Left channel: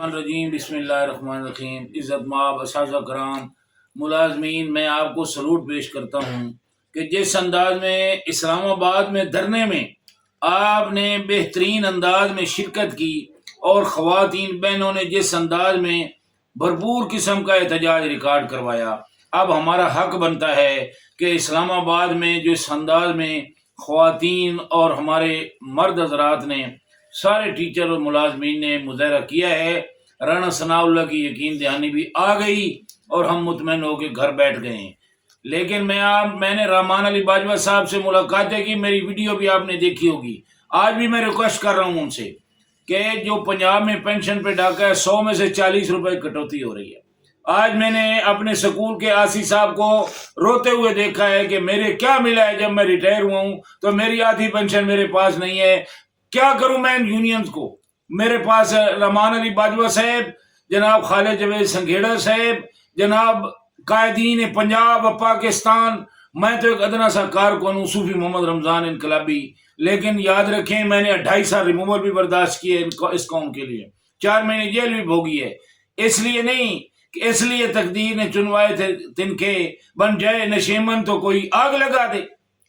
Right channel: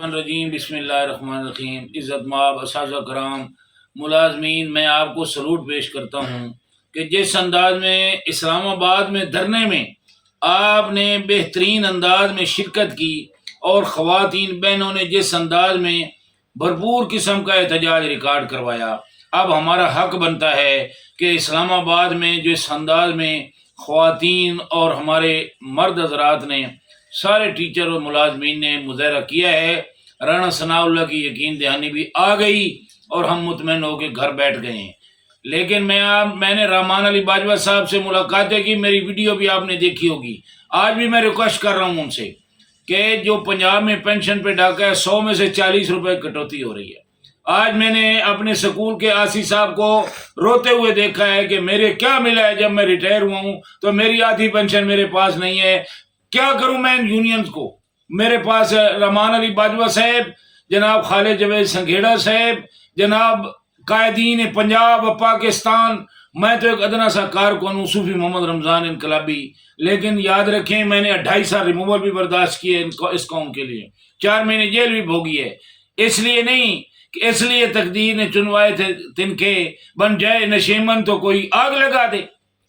الرجیم بسم اللہ الرحمن الرحیم۔ عزت مآب اساتذہ کرام، ملازمین، میں آپ کو سلوٹ پیش کرتا ہوں کہ جس انداز میں اسلام آباد میں دھرنے میں آپ نے بہترین انداز میں شرکت کی اور خواتین بہنوں نے جس انداز میں بھرپور قسم کا احتجاج ریکارڈ کروایا، اب ہمارا حق بنتا ہے کہ اسلام آباد میں جو اس انداز میں خواتین اور ہمارے مرد حضرات نے، سارے ٹیچر اور ملازمین نے مظاہرہ کیا ہے، رانا ثناء اللہ کی یقین دہانی بھی آ گئی اور ہم مطمئن ہو کے گھر بیٹھ گئے ہیں۔ لیکن میں نے رحمان علی باجوہ صاحب سے ملاقاتیں کی، میری ویڈیو بھی آپ نے دیکھی ہوگی۔ آج بھی میں ریکویسٹ کر رہا ہوں ان سے کہ جو پنجاب میں پینشن پہ ڈاکہ ہے، 100 میں سے 40 روپے کٹوتی ہو رہی ہے۔ آج میں نے اپنے سکول کے آسی صاحب کو روتے ہوئے دیکھا ہے کہ میرے کیا ملا ہے، جب میں ریٹائر ہوا ہوں تو میری آدھی پینشن میرے پاس نہیں ہے، کیا کروں میں ان یونینز کو؟ میرے پاس رحمان علی باجوہ صاحب، جناب خالد جاوید سنگھیڑا صاحب، جناب قائدین پنجاب و پاکستان، میں تو ایک ادنا سا کارکن ہوں، صوفی محمد رمضان انقلابی، لیکن یاد رکھیں میں نے 2.5 سال ریموول بھی برداشت کیے اس قوم کے لیے، 4 مہینے جیل بھی بھوگی ہے، اس لیے نہیں کہ اس لیے تقدیر نے چنوائے تھے تنکے، بن جائے نشیمن تو کوئی آگ لگا دے۔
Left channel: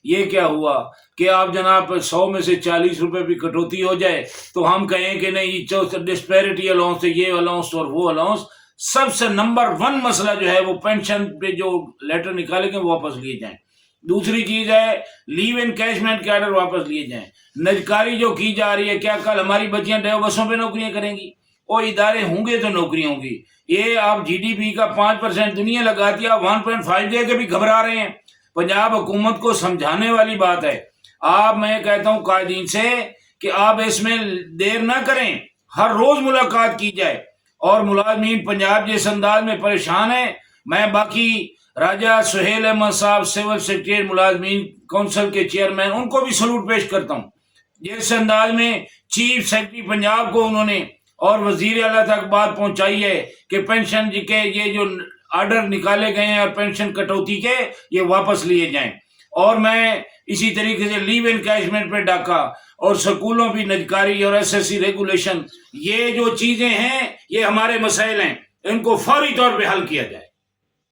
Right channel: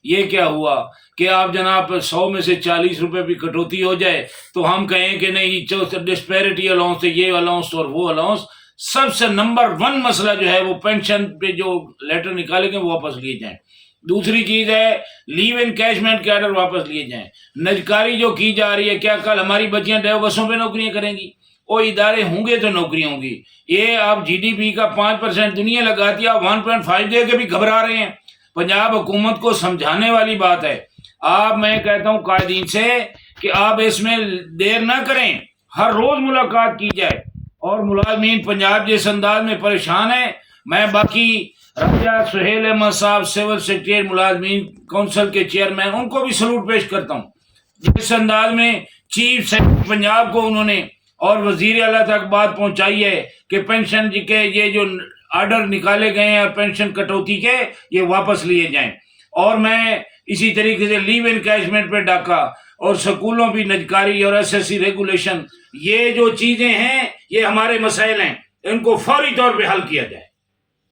یہ کیا ہوا کہ آپ جناب 100 میں سے 40 روپے بھی کٹوتی ہو جائے تو ہم کہیں کہ نہیں، ڈسپیرٹی الاؤنس، یہ الاؤنس اور وہ الاؤنس۔ سب سے نمبر 1 مسئلہ جو ہے وہ پینشن پہ جو لیٹر نکالے گئے وہ واپس لیے جائیں۔ دوسری چیز ہے لیو انکیشمنٹ کے آرڈر واپس لیے جائیں۔ نجکاری جو کی جا رہی ہے، کیا کل ہماری بچیاں ڈیو بسوں پہ نوکریاں کریں گی؟ وہ ادارے ہوں گے تو نوکریاں ہوں گی۔ یہ آپ جی ڈی پی کا 5% دنیا لگاتی ہے، آپ 1.5 دے کے بھی گھبرا رہے ہیں۔ پنجاب حکومت کو سمجھانے والی بات ہے۔ میں کہتا ہوں قائدین سے کہ آپ اس میں دیر نہ کریں، ہر روز ملاقات کی جائے، اور ملازمین پنجاب جس انداز میں پریشان ہے، میں باقی راجہ سہیل احمد صاحب، سول سیکریٹریٹ ملازمین کونسل کے چیئرمین، ان کو بھی سلوٹ پیش کرتا ہوں۔ جس انداز میں چیف سیکرٹری پنجاب کو انہوں نے اور وزیر اعلیٰ تک بات پہنچائی ہے کہ پینشن کے یہ جو آرڈر نکالے گئے ہیں اور پینشن کٹوتی کے، یہ واپس لیے جائیں۔ اور میں اسی طریقے سے لیو انکیشمنٹ پہ ڈاکہ اور سکولوں بھی نجکاری اور ایس ایس سی ریگولیشن، یہ جو چیزیں ہیں یہ ہمارے مسائل ہیں، ان کو فوری طور پہ حل کیا جائے۔